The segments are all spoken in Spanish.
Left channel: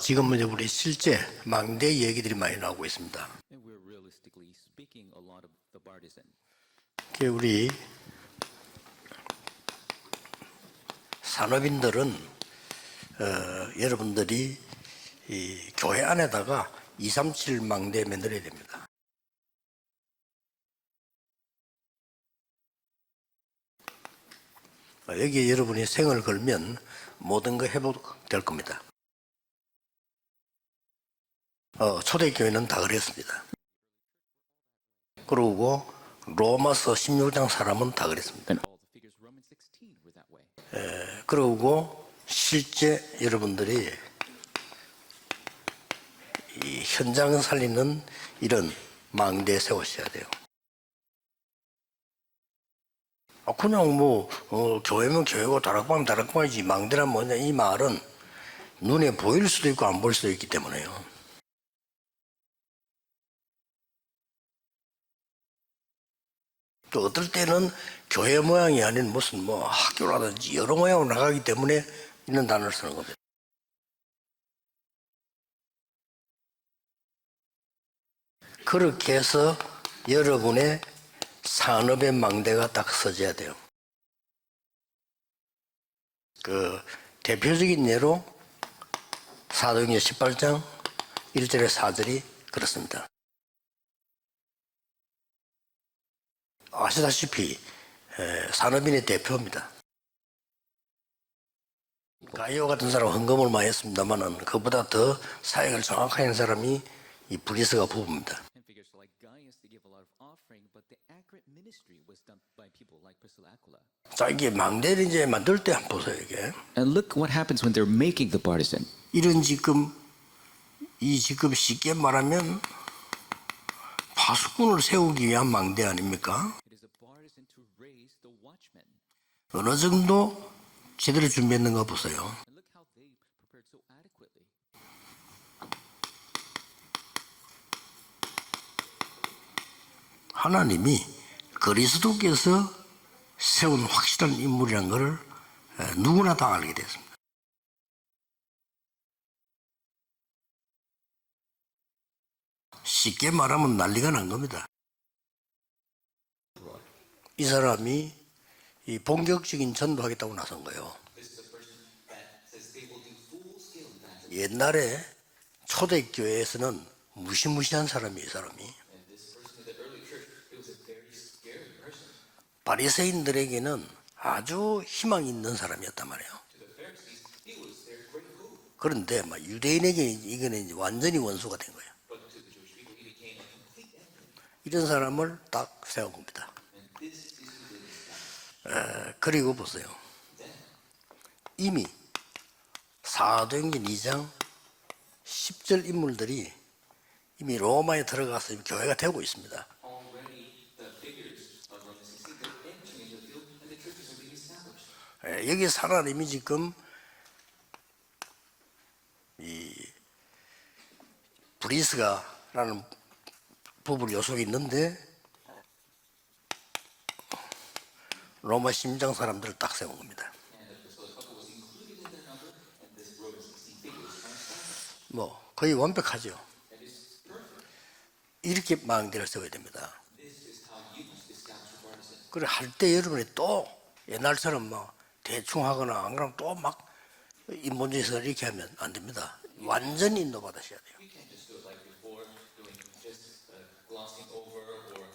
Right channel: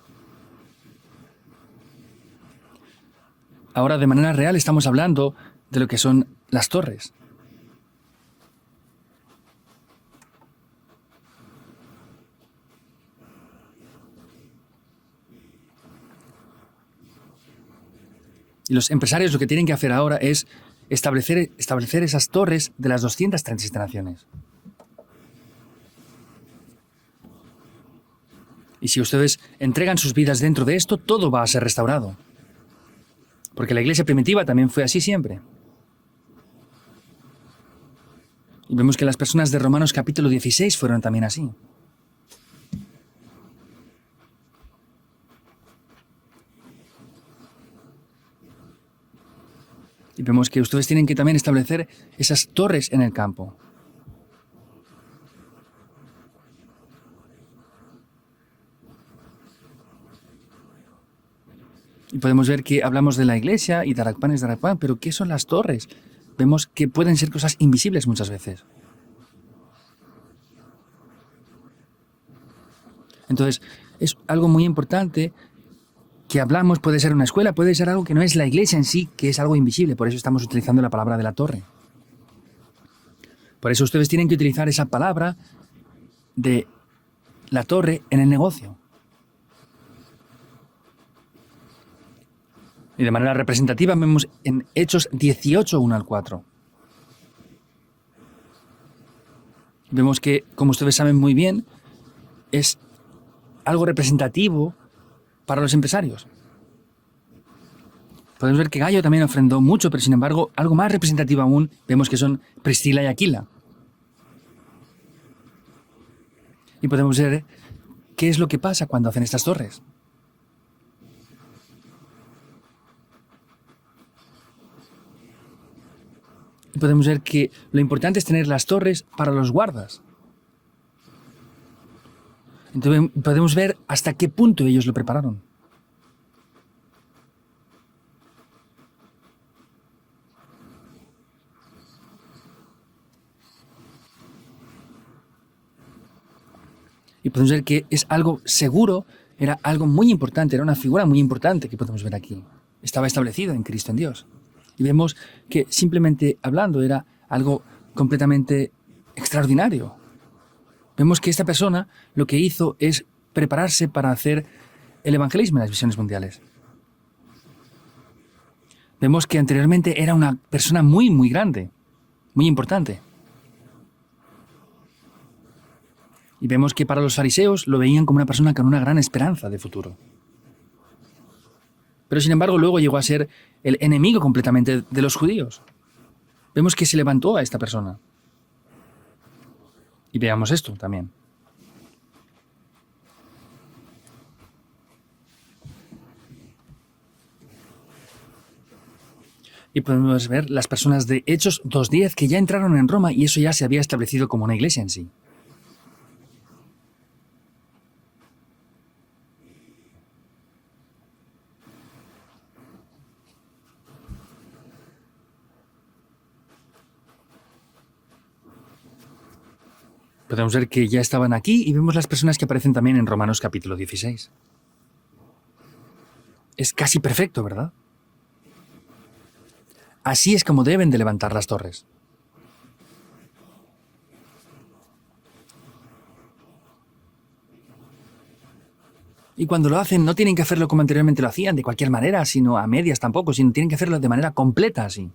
지금은 우리 실제 망대 얘기들이 많이 나오고 있습니다. Ahora, de manera real, estamos hablando de lo que son las torres. 그 우리 산업인들은 여러분들이 이 교회 안에다가 237 망대 만들어야 됩니다. Los empresarios lo que tienen que hacer ahora es establecer esas torres de las 237 naciones. 여기에 여러분이 생을 걸면 모든 거 회복될 겁니다. Y si ustedes entregan sus vidas dentro de esto, todo va a ser restaurado. 초대교회는 다 그랬습니다. Porque la iglesia primitiva también fue así siempre. 그리고 로마서 16장 사람은 다 그랬습니다. Y vemos que las personas de Romanos capítulo 16 fueron también así. 그리고 실제 여러분들이 이 현장을 살리는 이런 망대 세우셔야 Y 돼요. vemos que ustedes tienen que también establecer esas torres en el campo. 그냥 교회면 교회고 다락방은 다락방이지 망대란 뭐냐 이 말은 눈에 보일 수도 있고 안 보일 수도 있기 때문에요. Y podemos ver que hablamos de la iglesia y Darakpan es Darakpan, pero ¿qué son las torres? Vemos que pueden ser cosas invisibles muchas 교회 veces. 모양이 아닌 무슨 학교라든지 여러 모양으로 나가기 때문에 이런 단어를 쓰는 겁니다. Entonces, es algo muy importante que hablamos, puede ser una escuela, puede ser algo que no es la iglesia en sí, que es algo invisible. Por eso estamos utilizando la palabra de la torre. 산업의 망대가 딱 써져야 돼요. Por eso ustedes tienen que utilizar esa palabra de la 대표적인 torre 예로 en el negocio. 사도행전 18장 1절에 4절이 그렇습니다. Y de manera representativa vemos en Hechos 18, 1 al 4. 아시다시피 산업인의 대표입니다. Vemos que, como ustedes saben muy bien, 가이오 같은 사람 헌금을 많이 algo 했습니다만 representativo 그보다 더 para los 사회를 empresarios. 장악한 사람이 이 브리스가 부부입니다. Podemos ver que Gallo también ofrendó mucho, pero sin embargo, algo más representativo aún, vemos que son Priscila y Aquila. 자, 이게 망대를 이제 만들 때 한번 보세요 이게. Y And podemos look what ver happens when they're qué making es the lo que partisan. pasa cuando hacen 이런 estas torres. 지금 쉽게 말하면 파수꾼을 세우기 위한 망대 아닙니까? Y podemos ver que lo importante es tener las torres para los 어느 guardas. 정도 제대로 준비했는가 보세요. Entonces podemos ver hasta qué punto ellos lo prepararon. 하나님이 그리스도께서 세운 확실한 인물이라는 것을 누구나 다 알게 됐습니다. Y podemos ver que es algo seguro, era algo muy importante, era una figura muy importante que podemos ver aquí. Estaba 쉽게 establecido. en 말하면 Cristo 난리가 Dios. 난 겁니다. Y vemos que simplemente hablando era algo completamente 이 본격적인 extraordinario. 전도하겠다고 나선 거예요. Vemos que esta persona lo que hizo es prepararse para hacer 옛날에 el evangelismo en las misiones mundiales. 초대교회에서는 무시무시한 사람이 이 사람이 Vemos que anteriormente era una persona muy, muy grande, muy importante. 바리새인들에게는 아주 희망 있는 사람이었단 말이에요. Y vemos que para los fariseos lo veían como una persona con una gran esperanza del futuro. 유대인에게 이거는 이제 완전히 원수가 된 거예요. Pero sin embargo luego llegó a ser el enemigo completamente 그 de los 사람을 judíos. 딱 세운 겁니다. Vemos que se levantó a esta persona. 그리고 보세요. Y veamos esto también. 이미 사도행전 2장 10절 인물들이 이미 로마에 들어가서 교회가 되고 있습니다. Y podemos ver las personas de Hechos 2.10 que ya entraron en Roma y eso ya se había establecido como una iglesia en sí. 여기서 하나님이 지금 이 브리스가라는 부부 요속이 있는데 로마 심장 사람들을 딱 세운 겁니다. Podemos ver que ya estaban aquí y vemos las personas que aparecen también en Romanos capítulo 16. 뭐 거의 완벽하죠. Es casi perfecto, ¿verdad? 이렇게 망대를 세워야 됩니다. Así es como deben de levantar las torres. 그래 할 때 여러분이 또 옛날처럼 막 대충 하거나 안 그러면 또 막 인본주의에서 이렇게 하면 안 됩니다. Y cuando lo hacen no tienen que hacerlo como anteriormente lo hacían, de cualquier manera, sino a medias tampoco, sino tienen que hacerlo de manera completa así.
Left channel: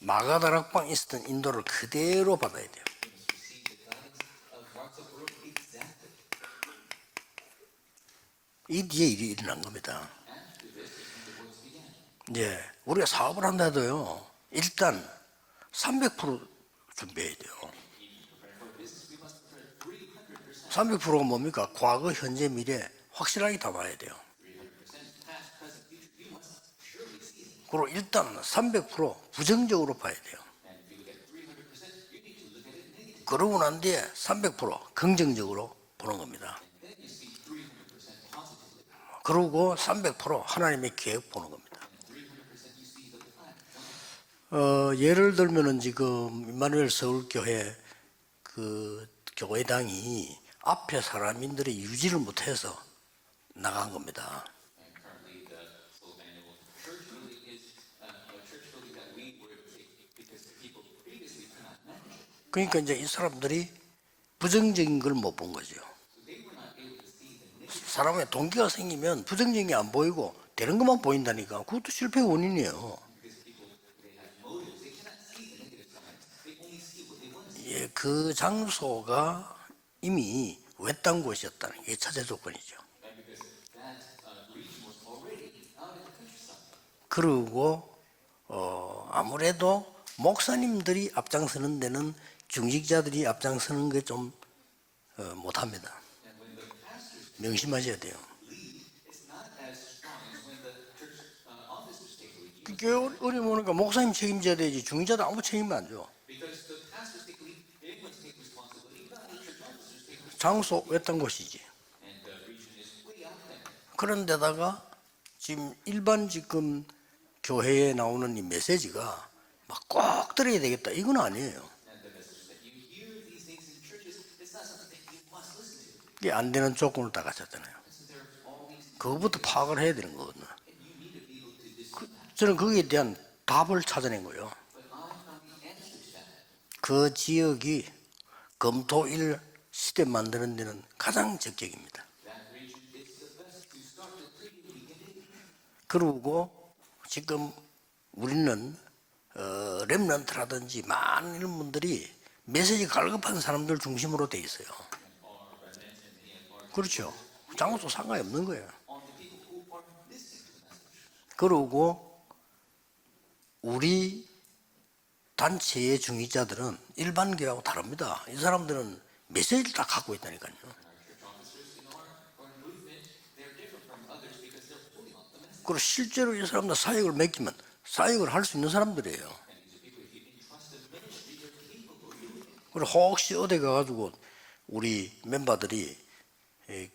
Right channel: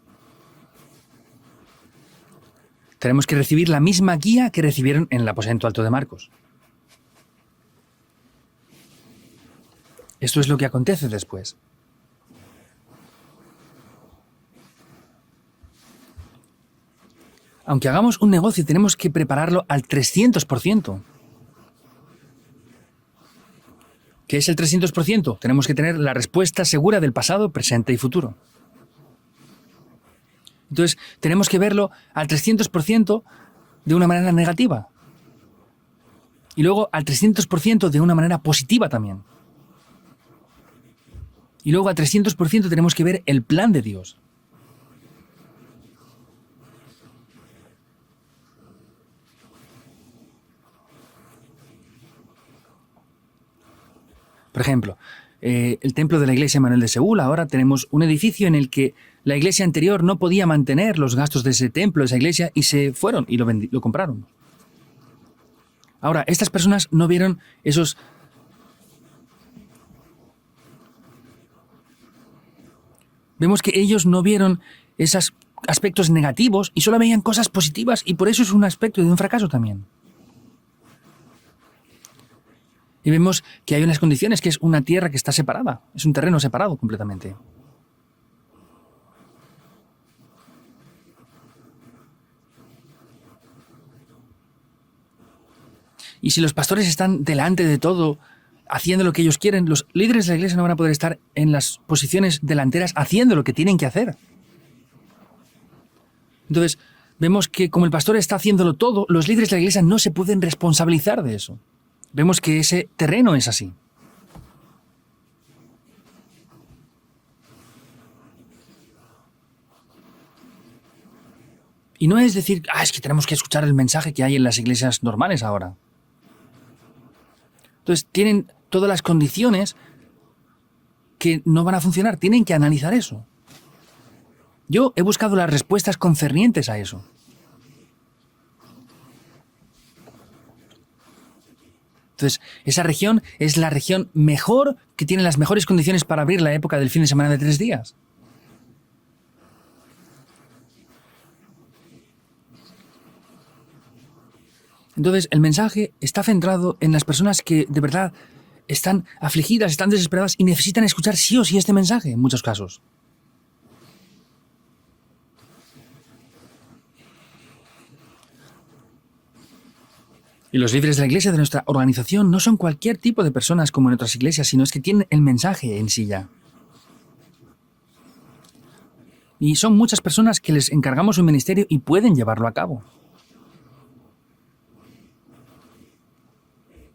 마가다락방 있었던 인도를 그대로 받아야 돼요. Tenemos que recibir la misma guía que recibieron en el aposento alto de Marcos. 이 뒤에 일이 일어난 겁니다. Esto es lo que acontece después. 이제 우리가 사업을 한다 해도요. 일단 300% 준비해야 돼요. Aunque hagamos un negocio, tenemos que prepararlo al 300%. 300%가 뭡니까? 과거, 현재, 미래 확실하게 담아야 돼요. ¿Qué es el 300%? Tenemos que tener la respuesta segura del pasado, presente y futuro. 300% 부정적으로 봐야 돼요. Entonces, tenemos que verlo al 300% 그러고 난 de 뒤에 una manera 300% negativa. 긍정적으로 보는 겁니다. Y luego al 300% de una manera positiva también. 그리고 300% 하나님의 계획 보는 겁니다. Y luego al 300% tenemos que ver el plan de Dios. 예를 들면은 지금 임마누엘 서울교회 그 교회당이 앞에 사람인들이 유지를 못해서 나간 겁니다. Por ejemplo, el templo de la iglesia Manuel de Seúl, ahora tenemos un edificio en el que la iglesia anterior no podía mantener los gastos de ese templo, de esa iglesia, y se fueron y lo compraron. 부정적인 걸 못 본 거죠. Ahora, estas personas no vieron esos... 사람의 동기가 생기면 부정적인 게 안 보이고 되는 것만 보인다니까. 그것도 실패의 원인이에요. Vemos que ellos no vieron esos aspectos negativos y solo veían cosas positivas, y por eso es un aspecto de un fracaso también. 이미 외딴 곳이었다는 게 차제 조건이죠. Y vemos que hay unas condiciones, que es una tierra que está separada, es un terreno separado completamente. 그리고 아무래도 목사님들이 앞장서는 데는 중직자들이 앞장서는 게 좀 못합니다. Y si los pastores están delante de todo, haciendo lo que ellos quieren, los líderes de la iglesia no van a poder estar en las posiciones delanteras haciendo lo que tienen que hacer. 책임져야 되지 중직자도 아무 책임을 안 줘. Entonces, vemos que como el pastor está haciéndolo todo, los líderes de la iglesia no se pueden responsabilizar de eso. Vemos que ese terreno es así. 그런데다가 지금 일반 지금 교회에 나오는 이 메시지가 막 꼭 들어야 되겠다 이건 아니에요. Y no es decir, es que tenemos que escuchar el mensaje que hay en las iglesias normales ahora. 이게 안 되는 조건을 다 갖췄잖아요. Entonces, tienen todas las condiciones 파악을 해야 되는 거거든요. que no van a funcionar. Tienen que 저는 거기에 analizar eso. 대한 답을 찾아낸 거예요. Yo he buscado las respuestas concernientes a eso. 그 지역이 검토일 시대 만드는 데는 가장 적격입니다. Entonces, esa región es la región mejor, que tiene las mejores condiciones para abrir la época del fin de semana de 3 días. 우리는 렘넌트라든지 많은 이런 분들이 메시지 갈급한 사람들 중심으로 돼 있어요. Entonces, el mensaje está centrado en las personas que de verdad están afligidas, están desesperadas y necesitan escuchar sí o sí este mensaje en muchos casos. 우리 단체의 중직자들은 일반 교회하고 다릅니다. 이 사람들은 메시지를 다 갖고 있다니까요. Y los líderes de la iglesia de nuestra organización no son cualquier tipo de personas como en otras iglesias, sino es que tienen el mensaje en sí ya. 실제로 이 사람들 사역을 맡기면 사역을 할 수 있는 사람들이에요. Y son muchas personas que les encargamos un ministerio y pueden llevarlo a cabo. 그리고 혹시 어디 가가지고 우리 멤버들이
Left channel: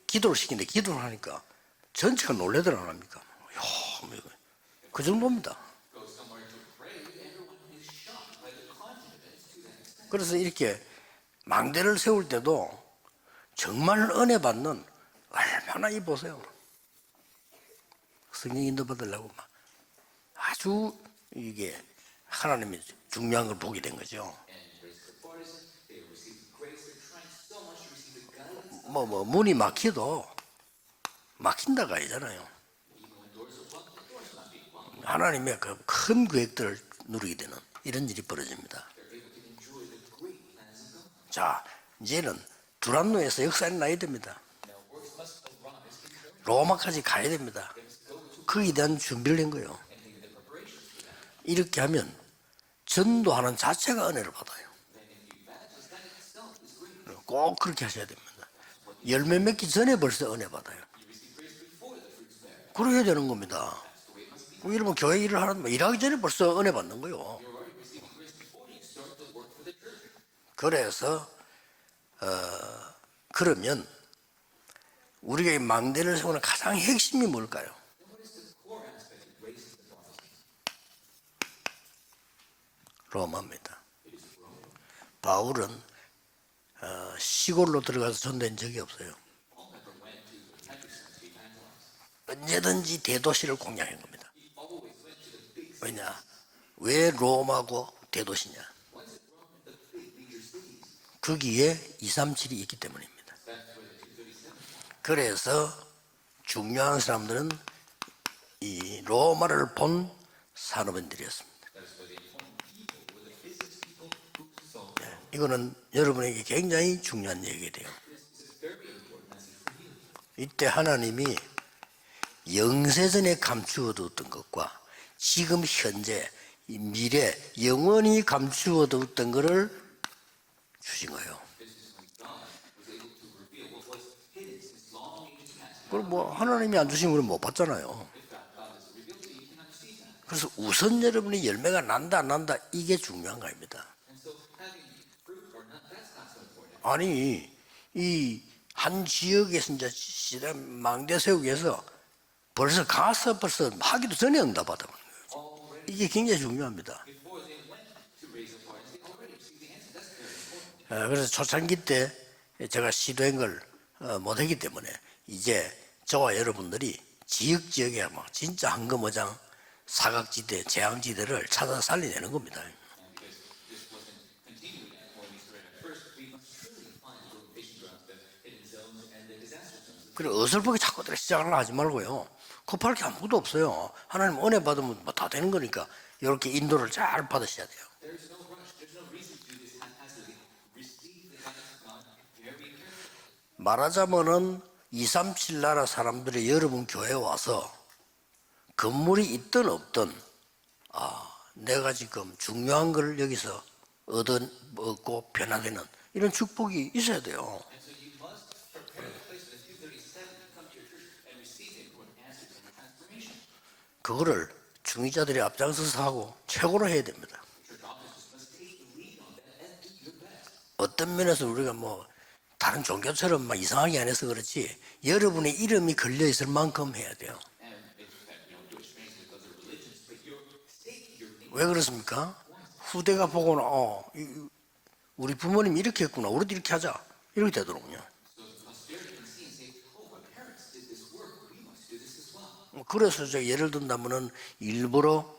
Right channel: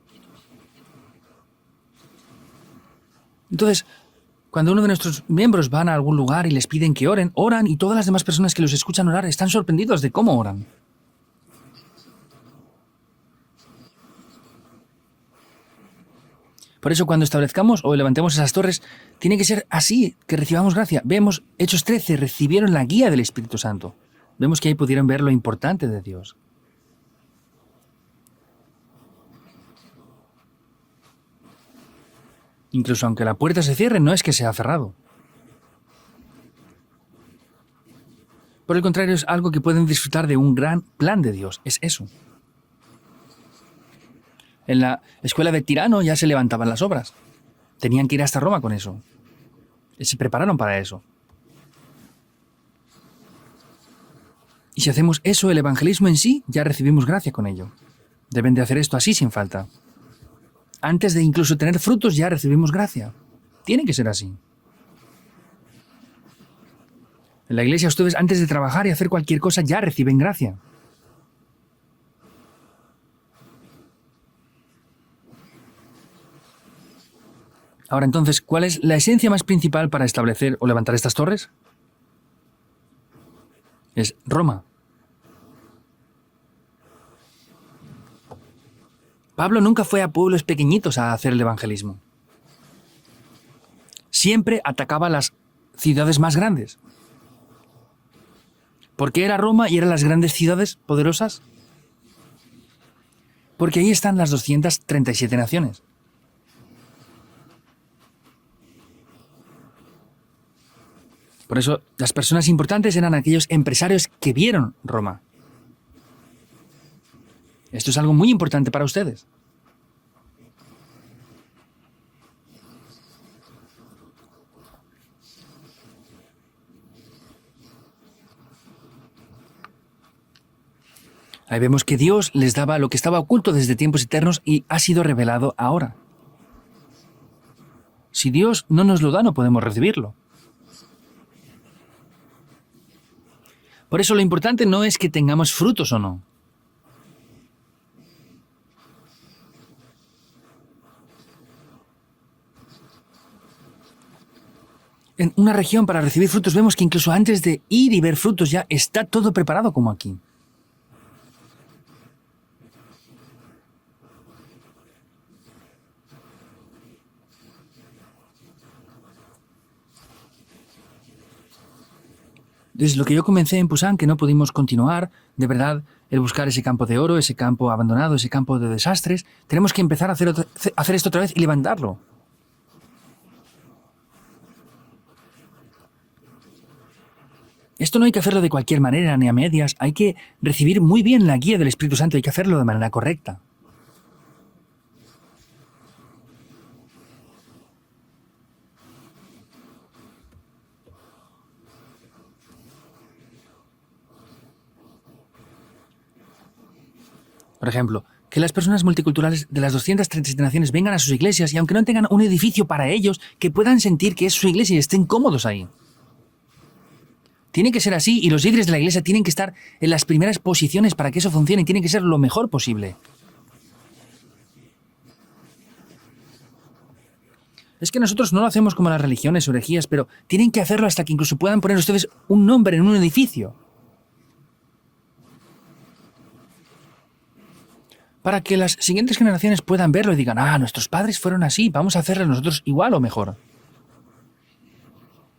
기도를 시키는데 기도를 하니까 전체가 놀래더라 합니까? Entonces, cuando uno de nuestros miembros van a algún lugar y les piden que oren, oran, y todas las demás personas que los escuchan orar están sorprendidos de cómo 그래서 oran. 이렇게 망대를 세울 때도 정말 은혜 받는 얼마나 이 보세요. Por eso cuando establezcamos o levantemos esas torres, tiene que ser así, que recibamos gracia. Vemos, Hechos 13, recibieron la guía del Espíritu Santo. Vemos que ahí pudieron ver lo importante de Dios. 문이 막혀도 막힌다가 아니잖아요. Incluso aunque la puerta se cierre, no es que sea cerrado. 하나님의 그 큰 계획들을 누리게 되는 이런 일이 벌어집니다. Por el contrario, es algo que pueden disfrutar de un gran plan de Dios. Es eso. 이제는 두란노에서 역사에 나야 됩니다. En la escuela de Tirano ya se levantaban las 로마까지 obras. 가야 됩니다. Tenían que ir hasta Roma con 거기에 eso. 대한 준비를 한 거예요. Se prepararon para eso. 이렇게 하면 전도하는 자체가 은혜를 받아요. Y si hacemos eso, el evangelismo en sí, ya recibimos gracia con 꼭 ello. 그렇게 하셔야 됩니다. Deben de hacer esto así sin 열매 falta. 맺기 전에 벌써 은혜 받아요. Antes de incluso tener frutos, ya recibimos 그래야 gracia. 되는 겁니다. Tiene que ser así. 여러분 교회 일을 하는 일하기 전에 벌써 은혜 받는 거요. En la iglesia, ustedes antes de trabajar y hacer cualquier cosa, ya reciben gracia. 그래서 그러면 우리가 이 망대를 세우는 가장 핵심이 뭘까요? Ahora entonces, ¿cuál es la esencia más principal para establecer o levantar estas torres? 로마입니다. Es Roma. 바울은 시골로 들어가서 전도한 적이 없어요. Pablo nunca fue a pueblos pequeñitos a hacer el evangelismo. 언제든지 대도시를 공략한 겁니다. Siempre atacaba las ciudades más grandes. 왜 로마고 대도시냐? ¿Por qué era Roma y eran las grandes ciudades poderosas? 거기에 237이 있기 때문입니다. Porque ahí están las 237 naciones. 그래서 중요한 사람들은 이 로마를 본 산업인들이었습니다. Por eso, las personas importantes eran aquellos empresarios que vieron Roma. 이거는 여러분에게 굉장히 중요한 얘기예요. Esto es algo muy importante para ustedes. 이때 하나님이 영세전에 감추어뒀던 것과 지금 현재 이 미래 영원히 감추어뒀던 것을 주신 거예요. Ahí vemos que Dios les daba lo que estaba oculto desde tiempos eternos y ha sido revelado ahora. 그걸 뭐 하나님이 안 주신 걸 못 받잖아요. Si Dios no nos lo da, no podemos recibirlo. 그래서 우선 여러분이 열매가 난다 안 난다 이게 중요한 겁니다. Por eso lo importante no es que tengamos frutos o no. 아니 이 한 지역에서 이제 시대 망대 세우기 위해서 벌써 하기도 전에 응답받아. En una región para recibir frutos vemos que incluso antes de ir y ver frutos ya está todo preparado como aquí. 그래서 초창기 때 제가 시도한 걸 못했기 때문에 이제 저와 여러분들이 지역에 막 진짜 한거모장 사각지대, 재앙지대를 찾아 살려내는 겁니다. Desde lo que yo comencé en Pusan, que no pudimos continuar, de verdad, el buscar ese campo de oro, ese campo abandonado, ese campo de desastres, tenemos que empezar a hacer esto otra vez y levantarlo. 급할 게 아무것도 없어요. 하나님 은혜 받으면 다 되는 거니까 이렇게 인도를 잘 받으셔야 돼요. Esto no hay que hacerlo de cualquier manera ni a medias, hay que recibir muy bien la guía del Espíritu Santo, hay que hacerlo de manera correcta. 말하자면은 237 나라 사람들이 여러분 교회에 와서 건물이 있든 없든 내가 지금 중요한 걸 여기서 얻고 변화되는 이런 축복이 있어야 돼요. Por ejemplo, que las personas multiculturales de las 237 naciones vengan a sus iglesias y aunque no tengan un edificio para ellos, que puedan sentir que es su iglesia y estén cómodos ahí. 앞장서서 하고 최고로 해야 됩니다. Tiene que ser así y los líderes de la iglesia tienen que estar en las primeras posiciones para que eso funcione y tienen que ser lo mejor 다른 posible. 종교처럼 막 이상하게 안 해서 그렇지 여러분의 이름이 걸려 있을 만큼 해야 돼요. Es que nosotros no lo hacemos como las religiones o herejías, pero tienen que hacerlo hasta que incluso puedan poner ustedes un nombre en un 내가 edificio. 보고는 우리 부모님이 이렇게 했구나. 우리도 이렇게 하자. 이렇게 되더군요. Para que las siguientes generaciones puedan verlo y digan, ah, nuestros padres fueron así, vamos a hacerlo nosotros igual o 그래서 mejor. 저 예를 든다면은 일부러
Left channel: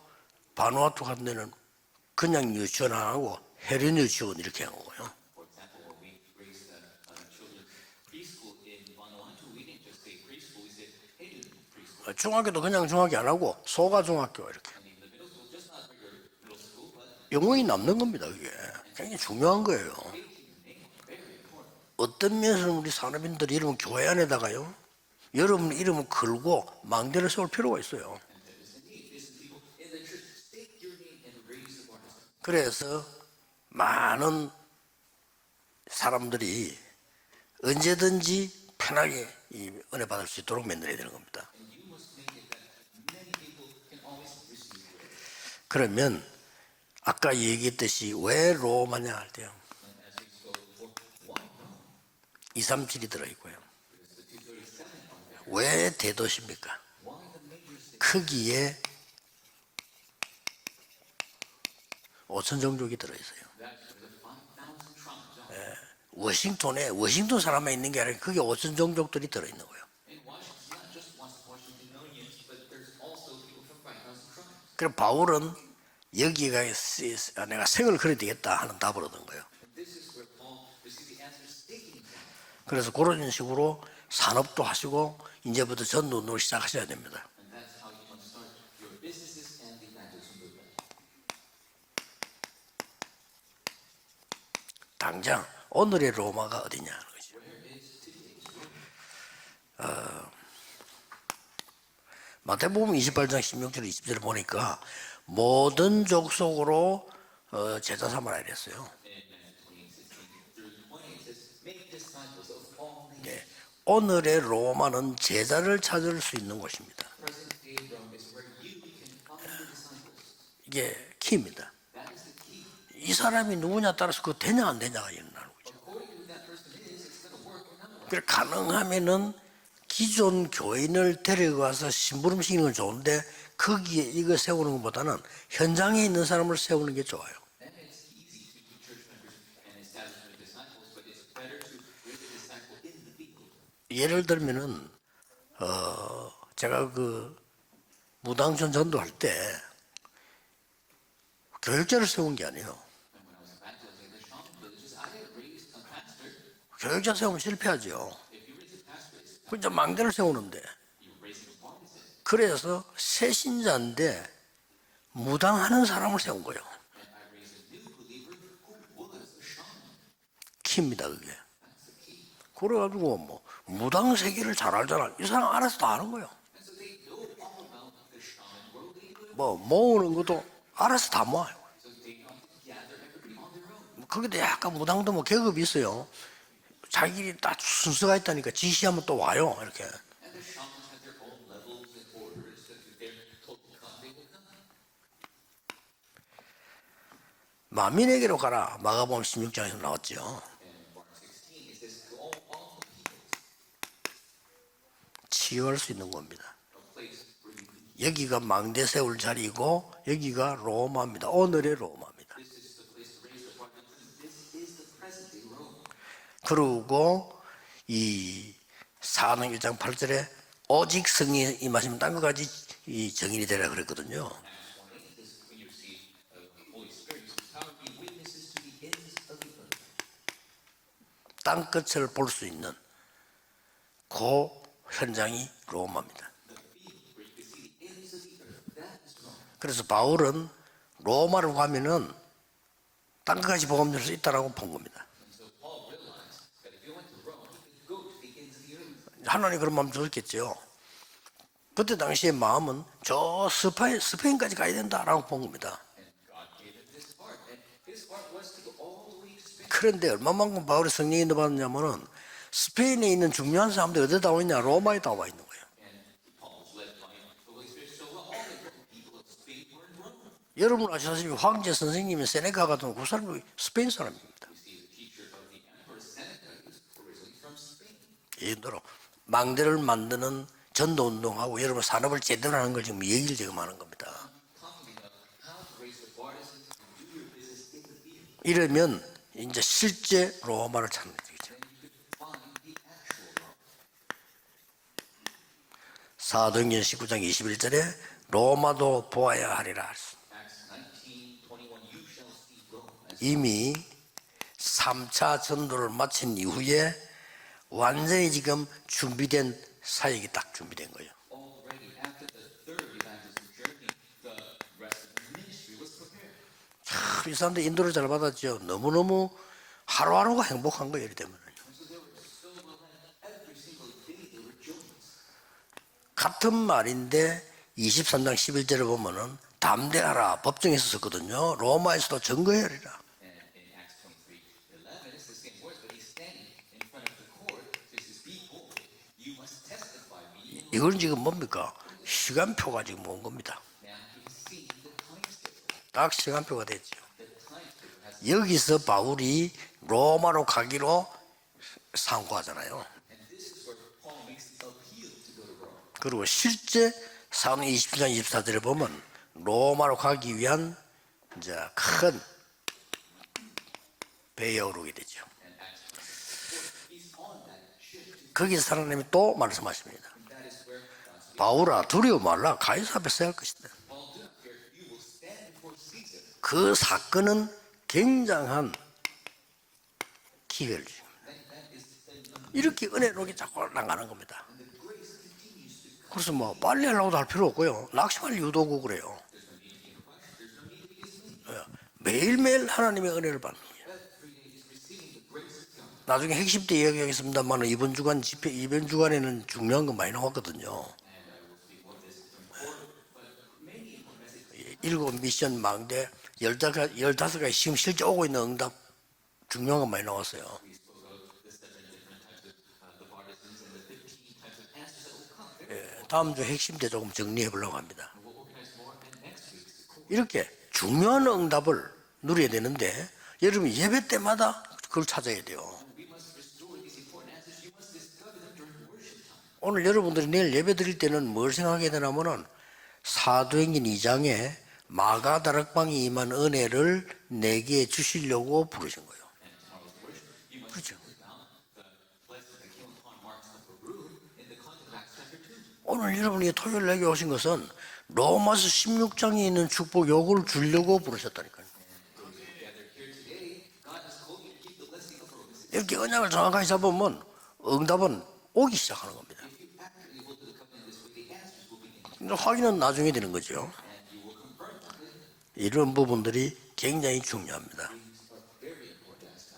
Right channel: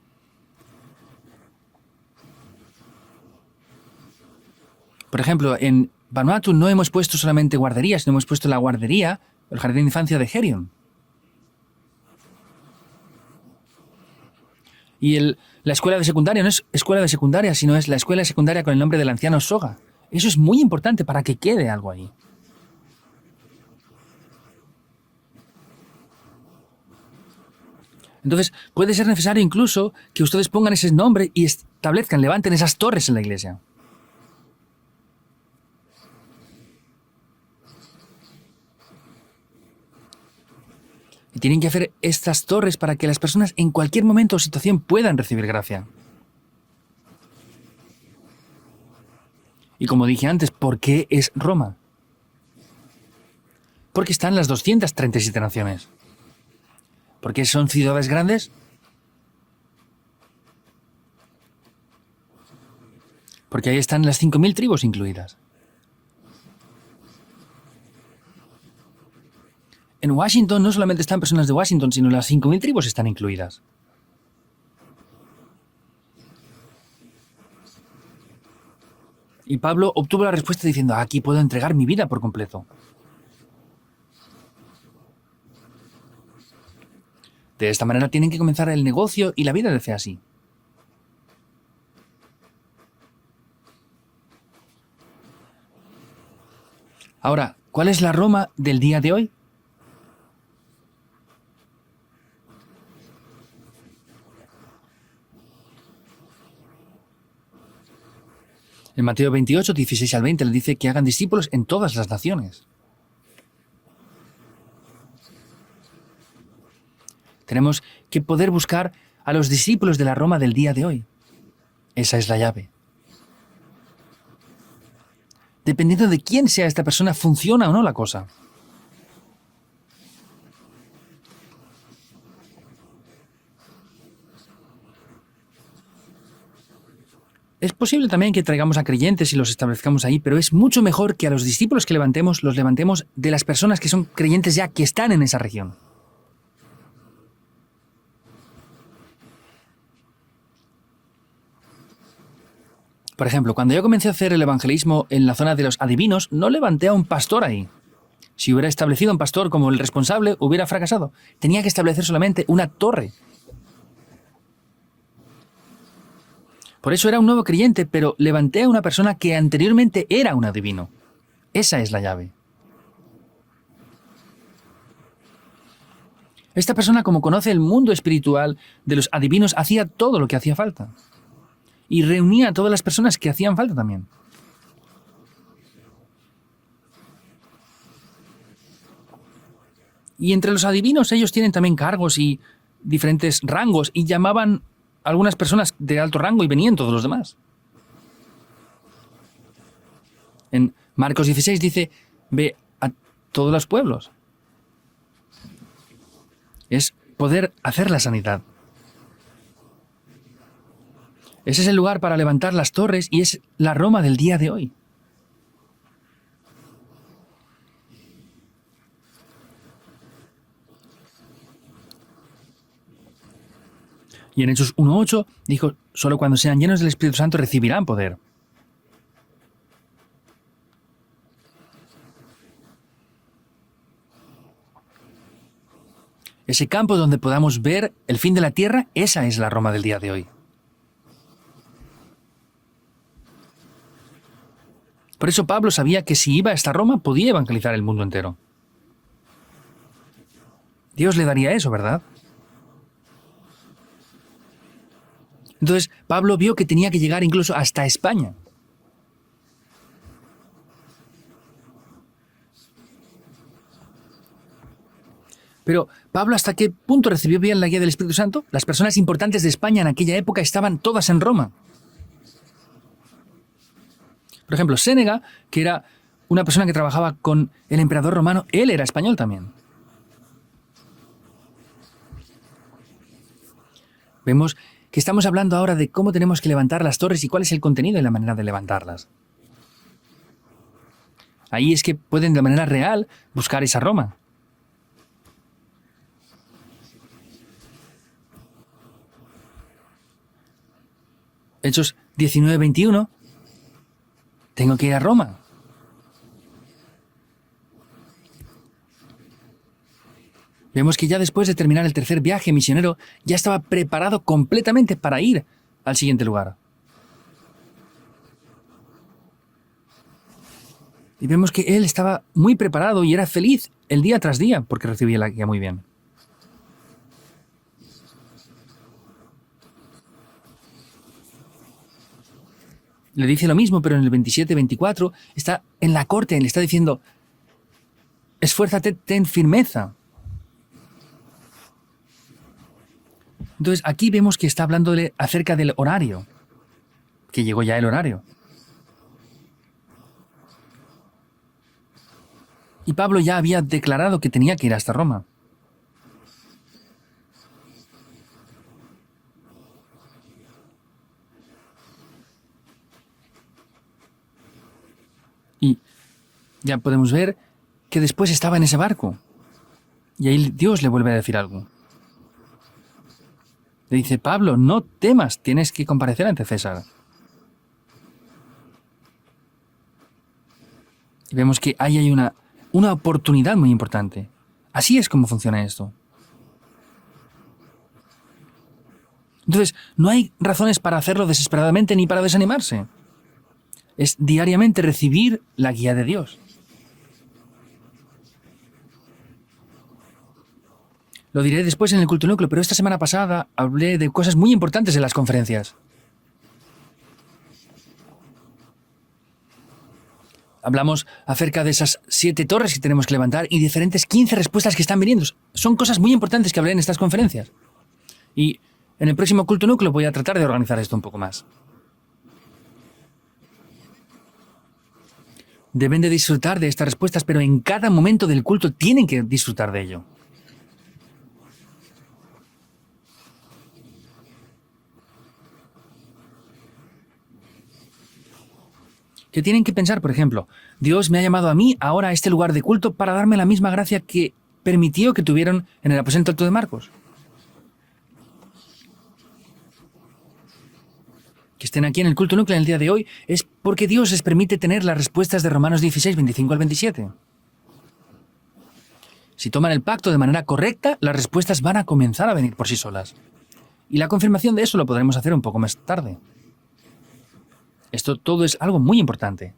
바누아투 같은 데는 그냥 유치원 안 하고 해련 유치원 이렇게 한 거고요. Por ejemplo, en Vanuatu no hemos puesto solamente guarderías, sino hemos puesto la guardería, el jardín de infancia de Herion. 중학교도 그냥 중학교 안 하고 소가 중학교 이렇게. Y la escuela de secundaria no es escuela de secundaria, sino es la escuela secundaria con el nombre del anciano Soga. Eso es muy importante para que quede algo ahí. 어떤 면에서는 우리 산업인들이 이러면 교회 안에다가요. 여러분 이름을 걸고 망대를 세울 필요가 있어요. Entonces, puede ser necesario incluso que ustedes pongan ese nombre y establezcan, levanten esas torres en la iglesia. 많은 사람들이 언제든지 편하게 이 은혜 받을 수 있도록 만들어야 되는 겁니다. Tienen que hacer estas torres para que las personas en cualquier momento o situación puedan recibir gracia. 그러면 아까 얘기했듯이 왜 로마냐 할 때요. Y como dije antes, ¿por qué es Roma? 237이 들어있고요. Porque están las 237 naciones. 왜 대도시입니까? Porque son ciudades grandes. 거기에 5천 종족이 들어있어요. Porque ahí están las 5.000 tribus incluidas. 워싱턴에 워싱턴 사람만 있는 게 아니라 그게 5천 종족들이 들어있는 거예요. En Washington no solamente están personas de Washington, sino las 5.000 tribus están incluidas. 그래서 바울은 여기가 내가 생을 걸어야 되겠다 하는 답을 얻은 거예요. Y Pablo obtuvo la respuesta diciendo, aquí puedo entregar mi vida por completo. 그래서 그런 식으로 산업도 하시고 이제부터 전도를 시작하셔야 됩니다. De esta manera tienen que comenzar el negocio y la vida de fe así. 당장 오늘의 로마가 어디냐? Ahora, ¿cuál es la Roma del día de hoy? 마태복음 28장 16절 20절 보니까 모든 족속으로 제자 삼아라 이랬어요. En Mateo 28, 16 al 20 le dice que hagan discípulos en todas las naciones. 오늘의 로마는 제자를 찾을 수 있는 곳입니다. Tenemos que poder buscar a los discípulos de la Roma del día de hoy. 키입니다. Esa es la llave. 이 사람이 누구냐 따라서 그거 되냐 안 되냐가 일어나는 거예요. Dependiendo de quién sea esta persona, funciona o no la cosa. 가능하면은 기존 교인을 데려가서 심부름 시키는 건 좋은데 거기에 이거 세우는 것보다는 현장에 있는 사람을 세우는 게 좋아요. Es posible también que traigamos a creyentes y los establezcamos ahí, pero es mucho mejor que a los discípulos que levantemos, los levantemos de las personas que son creyentes ya, que están en esa región. 제가 그 무당천 전도할 때 교육자를 세운 게 아니에요. Por ejemplo, cuando yo comencé a hacer el evangelismo en la zona de los adivinos, no levanté a un pastor ahí. Si hubiera establecido un pastor como el responsable, hubiera fracasado. Tenía que establecer solamente una torre. 새신자인데 무당하는 사람을 세운 거예요. Por eso era un nuevo creyente, pero levanté a una persona que anteriormente era un adivino. 키입니다 그게. Esa es la llave. 그래가지고 뭐 무당 세계를 잘 알잖아. 이 사람 알아서 다 아는 거예요. Esta persona, como conoce el mundo espiritual de los adivinos, hacía todo lo que hacía falta. 알아서 다 모아요. Y reunía a todas las personas que hacían falta también. 거기도 약간 무당도 뭐 계급이 있어요. 자기들이 딱 순서가 있다니까 지시하면 또 와요. 이렇게. Y entre los adivinos ellos tienen también cargos y diferentes rangos y llamaban a algunas personas de alto rango y venían todos los demás. 만민에게로 가라. 마가복음 16장에서 나왔죠. En Marcos 16 dice, ve a todos los pueblos. 치유할 수 있는 겁니다. Es poder hacer la 여기가 sanidad. 망대 세울 자리이고 여기가 로마입니다. Ese es el lugar para levantar las torres y es la Roma del día de hoy. 그리고 이 사도행 1장 8절에 오직 성령이 임하시면 딴 것까지 이 정인이 되라 그랬거든요. Y en Hechos 1:8 dijo, solo cuando sean llenos del Espíritu Santo recibirán poder. 땅끝을 볼 수 있는 그 현장이 로마입니다. Ese campo donde podamos ver el fin de la tierra, esa es la Roma del día de hoy. 바울은 로마로 가면은 땅끝까지 복음 줄 수 있다라고 본 겁니다. Por eso Pablo sabía que si iba a esta Roma podía evangelizar el mundo entero. 하나님 그런 마음 줬겠죠. Dios le daría eso, 그때 ¿verdad? 당시의 마음은 저 스페인까지 가야 된다라고 본 겁니다. Entonces Pablo vio que tenía que llegar incluso hasta España. 그런데 얼마만큼 바울이 성령이 받았냐면은 스페인에 있는 중요한 사람들이 어디다 와 있냐? 로마에 다 와 있는 거예요. Pero Pablo, ¿hasta qué punto recibió bien la guía del Espíritu Santo? Las personas importantes de España en aquella época estaban todas en Roma. 황제 선생님이 세네카 같은 그 사람이 스페인 사람입니다. Por ejemplo, Sénega, que era una persona que trabajaba con el emperador romano, él era español también. 망대를 만드는 전도 운동하고 여러분 산업을 제대로 하는 걸 지금 얘기를 지금 하는 겁니다. Vemos que estamos hablando ahora de cómo tenemos que levantar las torres y cuál es el contenido y la manera de 이러면 levantarlas. 이제 실제 로마를 찾는 거죠. Ahí es que pueden de manera real buscar esa Roma. 사도행전 19장 21절에 로마도 보아야 하리라. Hechos 19:21, 이미 tengo que ir a Roma. 3차 전도를 마친 이후에 완전히 지금 준비된 사역이 딱 준비. Vemos que ya después de terminar el tercer viaje misionero, ya estaba preparado completamente para ir al siguiente lugar. 이 사람들 인도를 잘 받았죠. 너무너무 하루하루가 행복한 거예요. Y vemos que él estaba muy preparado y era feliz el día tras día porque recibía la guía muy bien. 같은 말인데 23장 11절을 보면은 담대하라 법정에서 썼거든요. 로마에서도 증거해야리라. Le dice lo mismo, pero en el 27-24 está en la corte, le está diciendo, esfuérzate, ten firmeza. 이건 지금 뭡니까? 시간표가 지금 온 겁니다. Entonces aquí vemos que está hablándole acerca del 딱 horario, 시간표가 됐죠. que llegó ya el horario. 여기서 바울이 로마로 가기로 상고하잖아요. Y Pablo ya había declarado que tenía que ir hasta Roma. 그리고 실제 사도행 27장 24절에 보면 로마로 가기 위한 이제 큰 배에 오르게 되죠. Y ya podemos ver que después estaba en ese barco. 또 말씀하십니다. Y ahí Dios le vuelve a decir algo. 바울아 두려워 말라 가이사 앞에 서야 할 것이다. Le dice, Pablo, no temas, tienes que comparecer ante 그 César. 사건은 굉장한 기회를 줍니다. Vemos que ahí hay una oportunidad muy importante. Así es como funciona esto. 그래서 뭐 빨리 하려고도 할 필요 없고요. 낙심할 이유도 없고 그래요. Entonces, no hay razones para hacerlo desesperadamente ni para 매일매일 desanimarse. 하나님의 은혜를 받는 거예요. Es diariamente recibir la guía de Dios. 나중에 핵심 때 이야기하겠습니다만 이번 주간에는 중요한 거 많이 나왔거든요. Lo diré después en el culto núcleo, pero esta semana pasada hablé de cosas muy importantes en las conferencias. 망대 15가지 지금 실제 오고 있는 응답 중요한 거 많이 나왔어요. Hablamos acerca de esas 7 torres que tenemos que levantar y diferentes 15 respuestas que están viniendo. Son cosas muy importantes que hablé en estas conferencias. 해보려고 합니다. Y en el próximo culto núcleo voy a tratar de organizar esto un poco 중요한 más. 응답을 누려야 되는데 여러분 예배 때마다 그걸 찾아야 돼요. Deben de disfrutar de estas respuestas, pero en cada momento del culto tienen que disfrutar de ello. 여러분들이 내일 예배 드릴 때는 뭘 생각하게 되냐면은 사도행전 2장에 마가다락방이 임한 은혜를 내게 주시려고 부르신 거예요. Que tienen que pensar, por ejemplo, Dios me ha llamado a mí ahora a este lugar de culto para darme la misma gracia que permitió que tuvieron en el aposento alto de Marcos. 내게 오신 것은 로마서 16장에 있는 축복 요구를 주려고 부르셨다니까. Que estén aquí en el culto núcleo en el día de hoy es porque Dios les permite tener las respuestas de Romanos 16, 25 al 27. 보면 응답은 오기 시작하는 겁니다. Si toman el pacto de manera correcta, las respuestas van a comenzar a venir por sí 확인은 나중에 solas. 되는 거죠. Y la confirmación de eso lo podremos hacer un poco más 이런 tarde. 부분들이 굉장히 중요합니다. Esto todo es algo muy importante.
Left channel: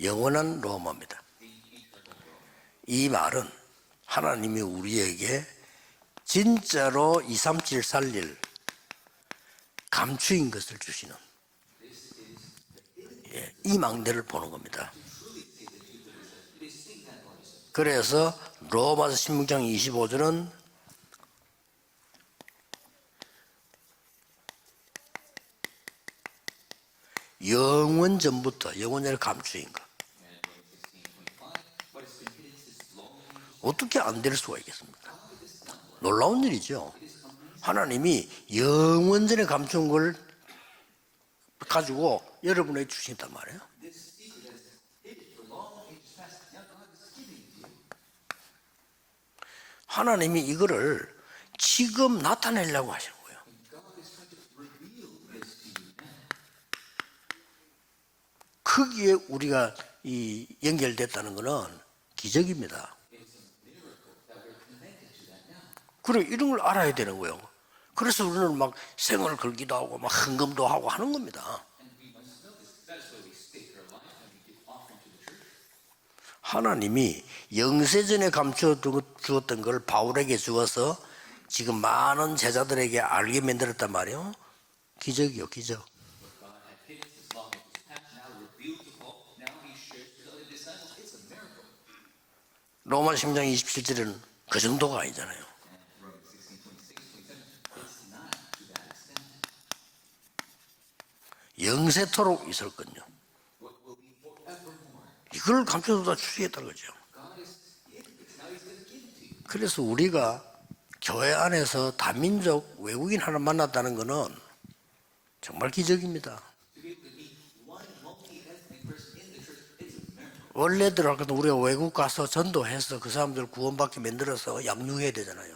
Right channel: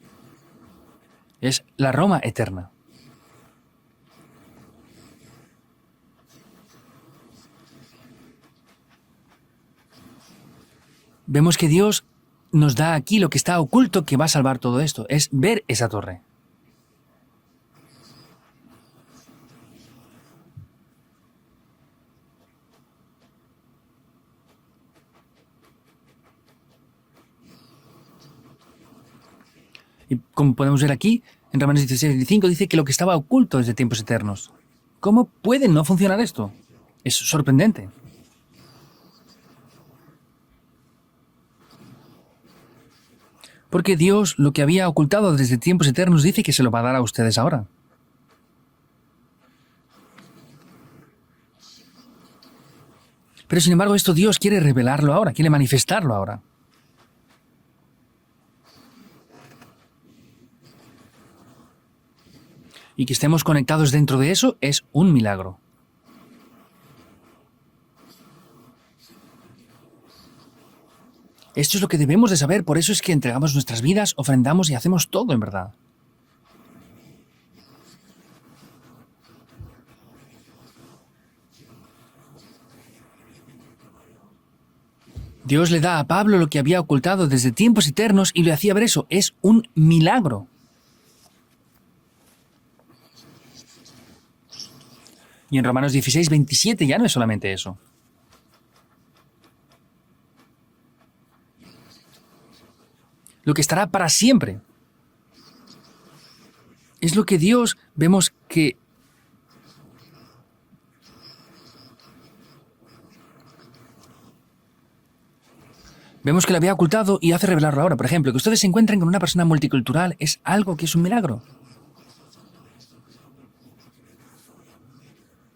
영원한 로마입니다. Es la Roma eterna. 이 말은 하나님이 우리에게 진짜로 237 살릴 감추인 것을 주시는 Vemos que Dios nos da aquí lo que está oculto que va a salvar todo esto. Es ver esa torre. 그래서 로마서 16장 25절은 영원 전부터 영원을 감추인 것. Y como podemos ver aquí, en Romanos 16, 25 dice que lo que estaba oculto desde tiempos 어떻게 안 될 eternos. 수가 있겠습니까? ¿Cómo puede no funcionar esto? 놀라운 일이죠. Es sorprendente. 하나님이 영원전에 감춘 걸 가지고 여러분에게 주신단 말이에요. Porque Dios, lo que había ocultado desde tiempos eternos, dice que se lo va a dar a ustedes ahora. 하나님이 이거를 지금 나타내려고 하시는 거예요. Pero sin embargo, esto Dios quiere revelarlo ahora, quiere manifestarlo ahora. 거기에 우리가 이 연결됐다는 것은 기적입니다. Y que estemos conectados dentro de eso es un milagro. 그래 이런 걸 알아야 되는 거예요. 그래서 우리는 막 생을 걸기도 하고 막 헌금도 하고 하는 겁니다. Esto es lo que debemos de saber, por eso es que entregamos nuestras vidas, ofrendamos y hacemos todo en verdad. 하나님이 영세전에 감춰 주었던 걸 바울에게 주어서 지금 많은 제자들에게 알게 만들었단 말이에요. 기적이요. Dios le da a Pablo lo que había ocultado desde tiempos eternos y le hacía ver eso. Es un milagro. 로마 10장 27절은 그 정도가 아니잖아요. Y en Romanos 16, 27 ya no es solamente eso. 영세토록 있을 건요. Lo que estará para siempre. 이걸 감춰다 주시겠다는 거죠. Es lo que Dios vemos que 그래서 우리가 교회 안에서 다민족 외국인 하나 만났다는 거는 정말 기적입니다. vemos que lo había ocultado y hace revelarlo ahora. Por ejemplo, que ustedes se encuentren con una persona multicultural es algo que es un 원래대로 milagro. 우리가 외국 가서 전도해서 그 사람들 구원받게 만들어서 양육해야 되잖아요.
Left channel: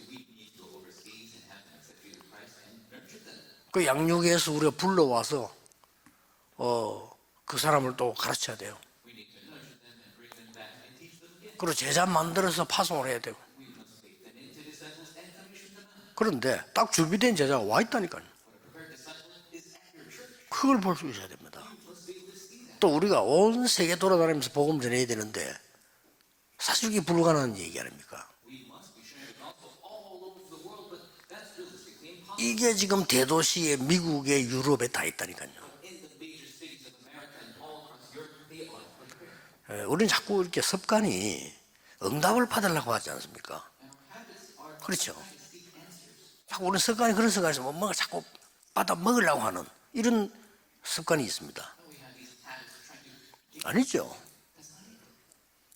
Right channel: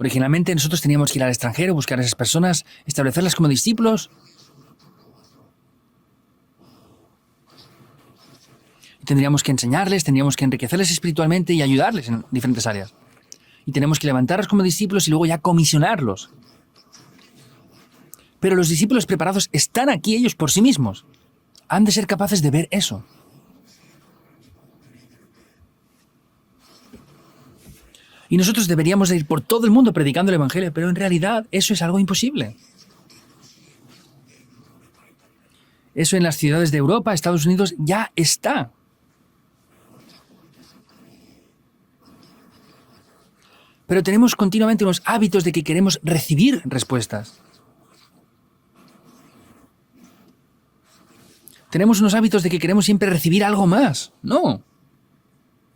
Originalmente nosotros teníamos que ir al extranjero, buscar a esas personas, establecerlas como 그 discípulos 양육해서 우리가 불러와서 그 사람을 또 가르쳐야 돼요. y tendríamos que enseñarles, tendríamos que enriquecerles espiritualmente y ayudarles 제자 en diferentes 만들어서 áreas. 파송을 해야 되고. Y tenemos que levantarlos como discípulos y luego ya comisionarlos. 그런데 딱 준비된 제자가 와 있다니까요. Pero los discípulos preparados están aquí ellos por sí 그걸 볼 mismos. 수 있어야 됩니다. Han de ser capaces de ver 또 eso. 우리가 온 세계 돌아다니면서 복음 전해야 되는데 사실 이게 불가능한 얘기 아닙니까? Y nosotros deberíamos de ir por todo el mundo predicando el Evangelio, pero en realidad eso es algo imposible. 이게 지금 대도시에 미국에 유럽에 다 있다니까요. Eso en las ciudades de Europa, Estados Unidos, ya está. 우리는 자꾸 이렇게 습관이 응답을 받으려고 하지 않습니까? Pero tenemos continuamente unos hábitos de que queremos recibir 우리 습관이 그런 respuestas. 습관에서 뭔가 자꾸 받아 먹으려고 하는 이런 습관이 있습니다. Tenemos unos hábitos de que queremos siempre recibir algo más. No,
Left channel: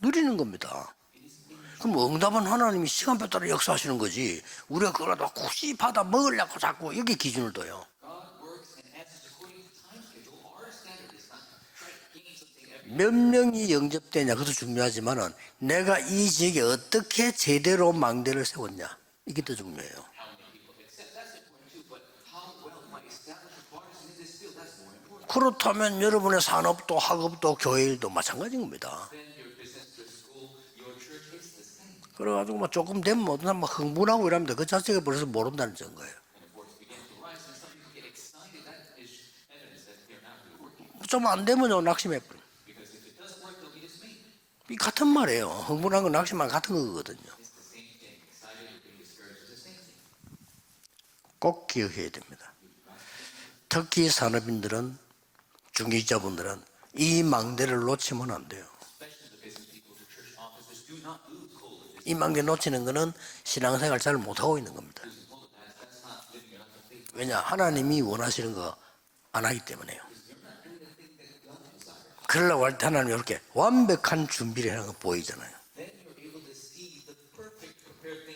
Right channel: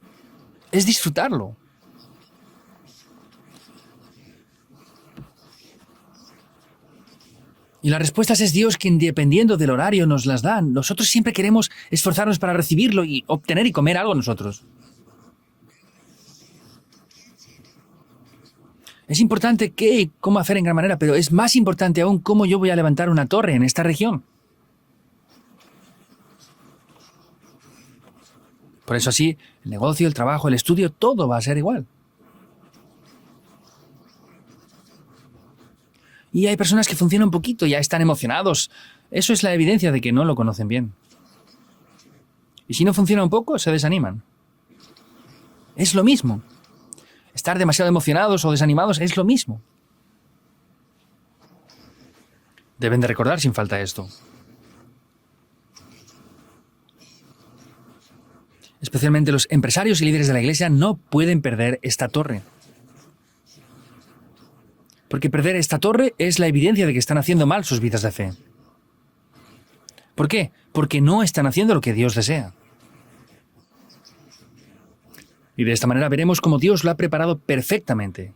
누리는 겁니다. es disfrutarlo. 그럼 응답은 하나님이 시간표 따라 역사하시는 거지. 우리가 그걸 막 굳이 받아 먹으려고 자꾸 여기 기준을 둬요. Y las respuestas es Dios quien, dependiendo del horario, nos las da. Nosotros siempre queremos esforzarnos para recibirlo y obtener y comer algo 것도 nosotros. 중요하지만은 내가 이 지역에 어떻게 제대로 망대를 세웠냐. Es importante qué y cómo hacer en gran manera, pero es más importante aún cómo yo voy a levantar una torre en esta región. 그렇다면 여러분의 산업도 학업도 교회 일도 마찬가지인 겁니다. Por eso así, el negocio, el trabajo, el estudio, todo va a ser igual. 그래가지고 막 조금 되면 어떤 사람 막 흥분하고 이러면 그 자체가 벌써 모른다는 거예요. Y hay personas que funcionan un poquito, ya están emocionados. Eso es la evidencia de que no lo conocen bien. 좀 안 되면요 낙심해 버려. Y si no funciona un poco, se desaniman. 이 같은 말이에요. Es lo 흥분하고 mismo. 낙심만 같은 거거든요. Estar demasiado emocionados o desanimados es lo mismo. 꼭 기억해야 됩니다. Deben de recordar sin falta esto. 특히 산업인들은 중직자분들은 이 망대를 놓치면 안 돼요. Especialmente los empresarios y líderes de la iglesia no pueden perder esta 이 망대 torre. 놓치는 거는 신앙생활 잘 못하고 있는 겁니다. Porque perder esta torre es la evidencia de que están haciendo mal sus vidas de 하나님이 fe. 원하시는 거 안 하기 때문에요. ¿Por qué? Porque no están haciendo lo que Dios desea. 그러려고 할 때 하나님이 이렇게 완벽한 준비를 하는 거 보이잖아요. Y de esta manera veremos cómo Dios lo ha preparado perfectamente.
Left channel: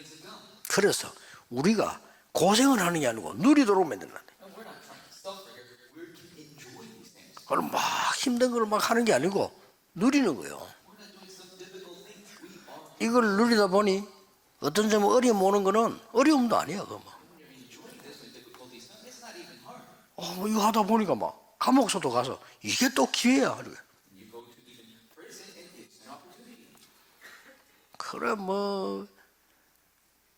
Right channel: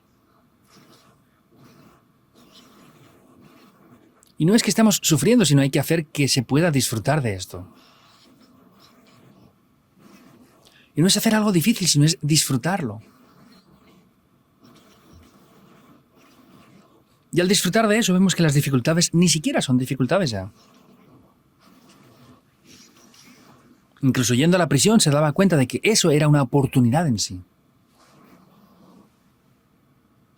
그래서 우리가 고생을 하는 게 아니고 누리도록 만든다. Y no es que estamos sufriendo, sino hay que hacer que se pueda disfrutar de esto. 그걸 막 힘든 걸 막 하는 게 아니고 누리는 거예요. Y no es hacer algo difícil, sino es disfrutarlo. 이걸 누리다 보니 어떤 점은 어려움 오는 거는 어려움도 아니야. 그거. Y al disfrutar de eso vemos que las dificultades ni siquiera son dificultades ya. 이거 하다 보니까 막 감옥소도 가서 이게 또 기회야. Incluso yendo a la prisión se daba cuenta de que eso era una oportunidad en sí. 그래 뭐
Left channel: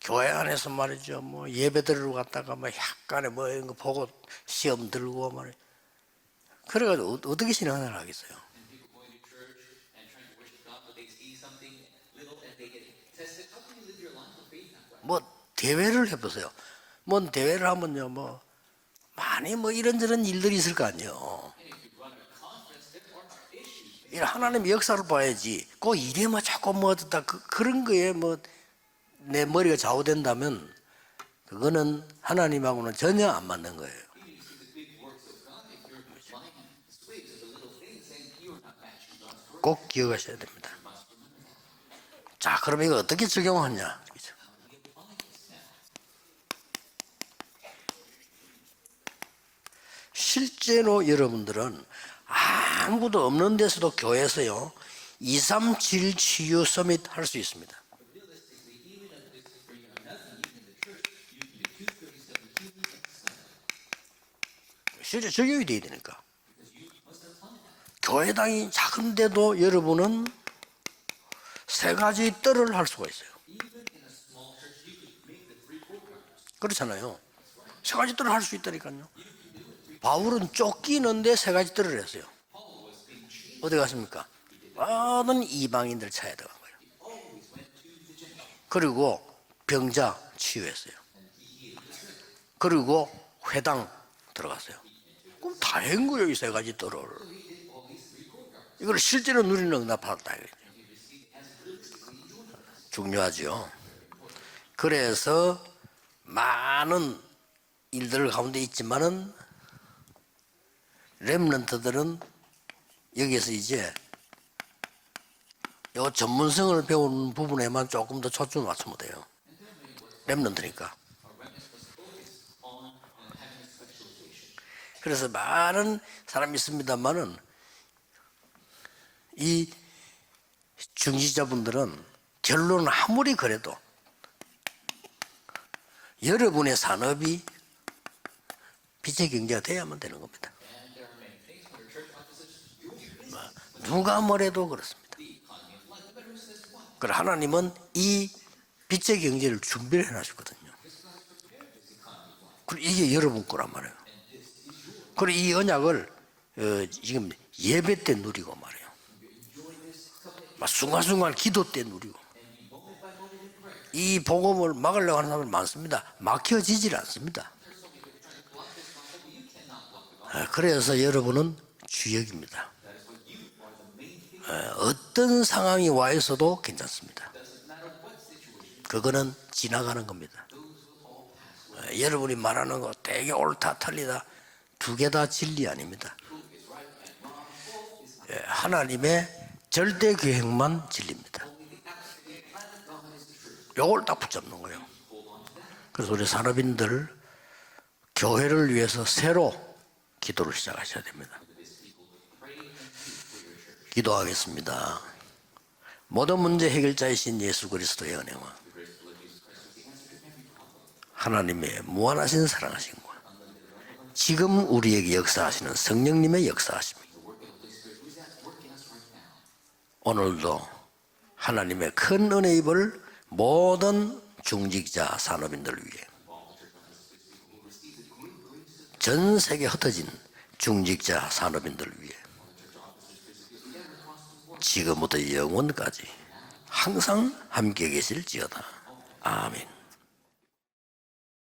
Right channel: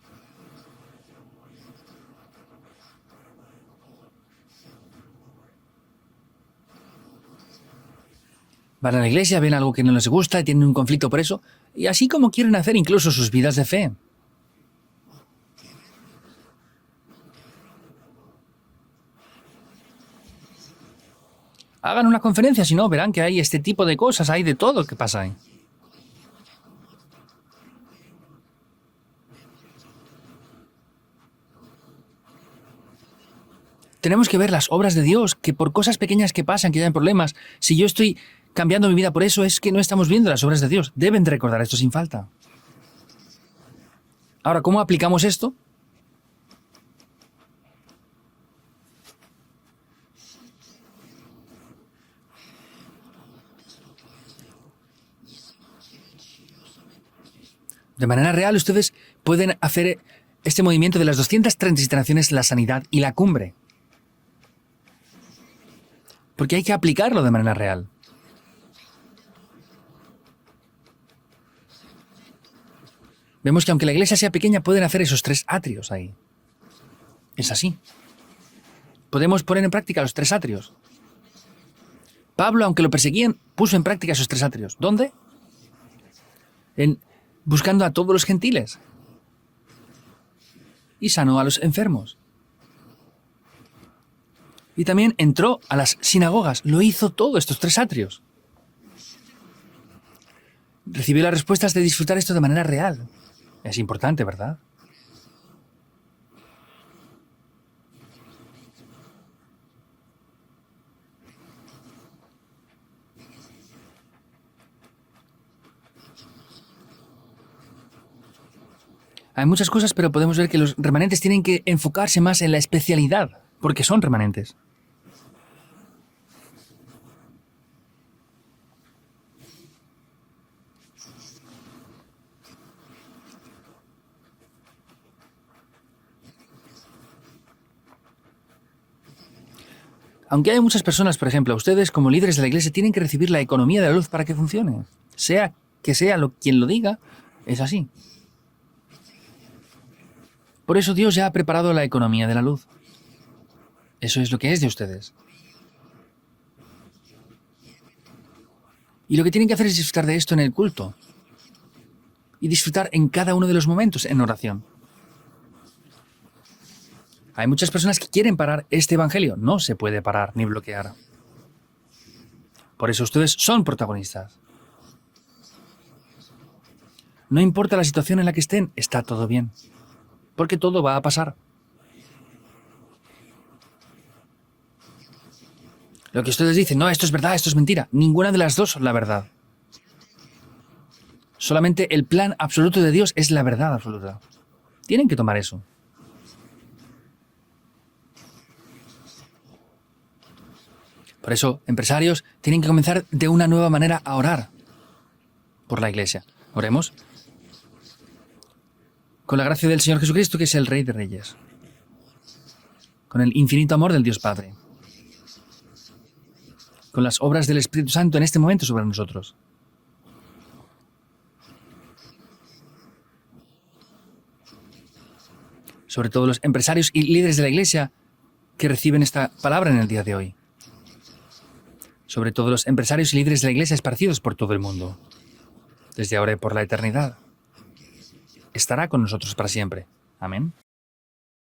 교회 안에서 말이죠. 뭐 예배드리러 갔다가 뭐 약간의 뭐 이런 거 보고 시험 들고 말이야. 그래가지고 어떻게 신앙을 하겠어요? Van a la iglesia, ven algo que no les gusta y tienen un conflicto por eso. Y así como quieren hacer incluso sus vidas de fe. 뭐 대회를 해보세요. 뭐 대회를 하면요, 뭐 많이 뭐 이런저런 일들이 있을 거 아니에요. Hagan una conferencia, si no, verán que hay este tipo de cosas, hay de 하나님의 todo que 역사를 pasa. 봐야지. 그 일에 뭐 자꾸 뭐 어떻다 그런 거에 뭐 내 머리가 좌우된다면 그거는 하나님하고는 전혀 안 맞는 거예요. Tenemos que ver las obras de Dios, que por cosas pequeñas que pasan, que hayan problemas, si yo estoy cambiando mi vida por eso, es que no estamos viendo las obras de Dios. Deben de recordar esto sin falta. 자, 그럼 이거 어떻게 적용하냐? Ahora, ¿cómo aplicamos esto? 실제로 여러분들은 아무도 없는 데서도 교회에서요 237 치유 서밋 할 수 있습니다. De manera real, ustedes pueden hacer este movimiento de las 237 naciones, la sanidad y la cumbre. 실제 적용이 돼야 되니까. Porque hay que aplicarlo de manera real. 교회당이 작은데도 여러분은 세 가지 뜰을 할 수가 있어요. Vemos que aunque la iglesia sea pequeña, pueden hacer esos 3 atrios ahí. 그렇잖아요. Es así. 세 가지 뜰을 할 수 있다니까요. Podemos poner en práctica los 3 바울은 atrios. 쫓기는데 세 가지 뜰을 했어요. Pablo, aunque lo perseguían, puso en práctica esos 3 atrios. ¿Dónde? 모든 이방인들 찾아 들어간 거예요. Buscando a todos los gentiles. 그리고 병자 치유했어요. Y sanó a los enfermos. 그리고 회당 들어갔어요. Y también entró a las sinagogas. Lo hizo todo, estos 3 atrios. 이걸 실제로 누리는 응답받았다. Recibió las respuestas de disfrutar esto de manera real. 중요하죠. Es importante, ¿verdad? 그래서 많은 일들 가운데 있지만은 렘넌트들은 여기서 이제 요 전문성을 배우는 부분에만 조금 더 초점을 맞추면 돼요. Hay muchas cosas, pero podemos ver que los remanentes tienen que enfocarse más en la especialidad, porque son remanentes. 그래서 많은 사람이 있습니다만은 이 중지자분들은 결론은 아무리 그래도 여러분의 산업이 빛의 경제가 돼야만 되는 겁니다. Aunque hay muchas personas, por ejemplo, ustedes como líderes de la iglesia tienen que recibir la economía de la luz para que funcione. Sea que sea quien lo diga, 그래 es 하나님은 así. 이 빛의 경제를 준비를 해놨거든요. Por eso Dios ya ha preparado la economía de la luz. 그리고 이게 여러분 거란 말이에요. Eso es lo que es de ustedes. 그리고 이 언약을 지금 예배 때 누리고 말이에요. Y lo que tienen que hacer es disfrutar de esto en el culto 순간순간 기도 때 누리고. y disfrutar en cada uno de los momentos 이 en oración. 복음을 막으려고 하는 사람들 많습니다. 막혀지질 않습니다. Hay muchas personas que quieren parar este evangelio. No se puede parar ni bloquear. 그래서 여러분은 주역입니다. Por eso ustedes son protagonistas. 어떤 상황이 와 있어도 괜찮습니다. No importa la situación en la que estén, está todo bien. 그거는 지나가는 겁니다. Porque todo va a pasar. 여러분이 말하는 거 되게 옳다 틀리다 두 개 다 진리 아닙니다. Lo que ustedes dicen, no, esto es verdad, esto es mentira. Ninguna de las dos es la verdad. 하나님의 절대 계획만 진리입니다. Solamente el plan absoluto de Dios es la verdad. 이걸 다 붙잡는 거예요. Tienen que tomar eso. 그래서 우리 산업인들 교회를 위해서 새로 기도를 시작하셔야 됩니다. Por eso, empresarios tienen que comenzar de una nueva manera a orar 기도하겠습니다. por la iglesia. 모든 문제 Oremos 해결자이신 예수 그리스도의 은혜와 con la gracia del Señor Jesucristo, que es el Rey de Reyes, 하나님의 무한하신 사랑하신 것, con el infinito amor del Dios Padre, 지금 우리에게 역사하시는 성령님의 역사하심, con las obras del Espíritu Santo en este momento sobre nosotros. 오늘도 하나님의 큰 은혜 입을 모든 중직자 산업인들을 위해 Sobre todo los empresarios y líderes de la iglesia que reciben esta 전 palabra en el 세계 día de hoy. 중직자 산업인들을 위해 Sobre todo los empresarios y líderes de la iglesia esparcidos por todo el mundo. 지금부터 영원까지 Desde ahora y por la eternidad. 항상 함께 계실지어다. Estará con nosotros para siempre. Amén.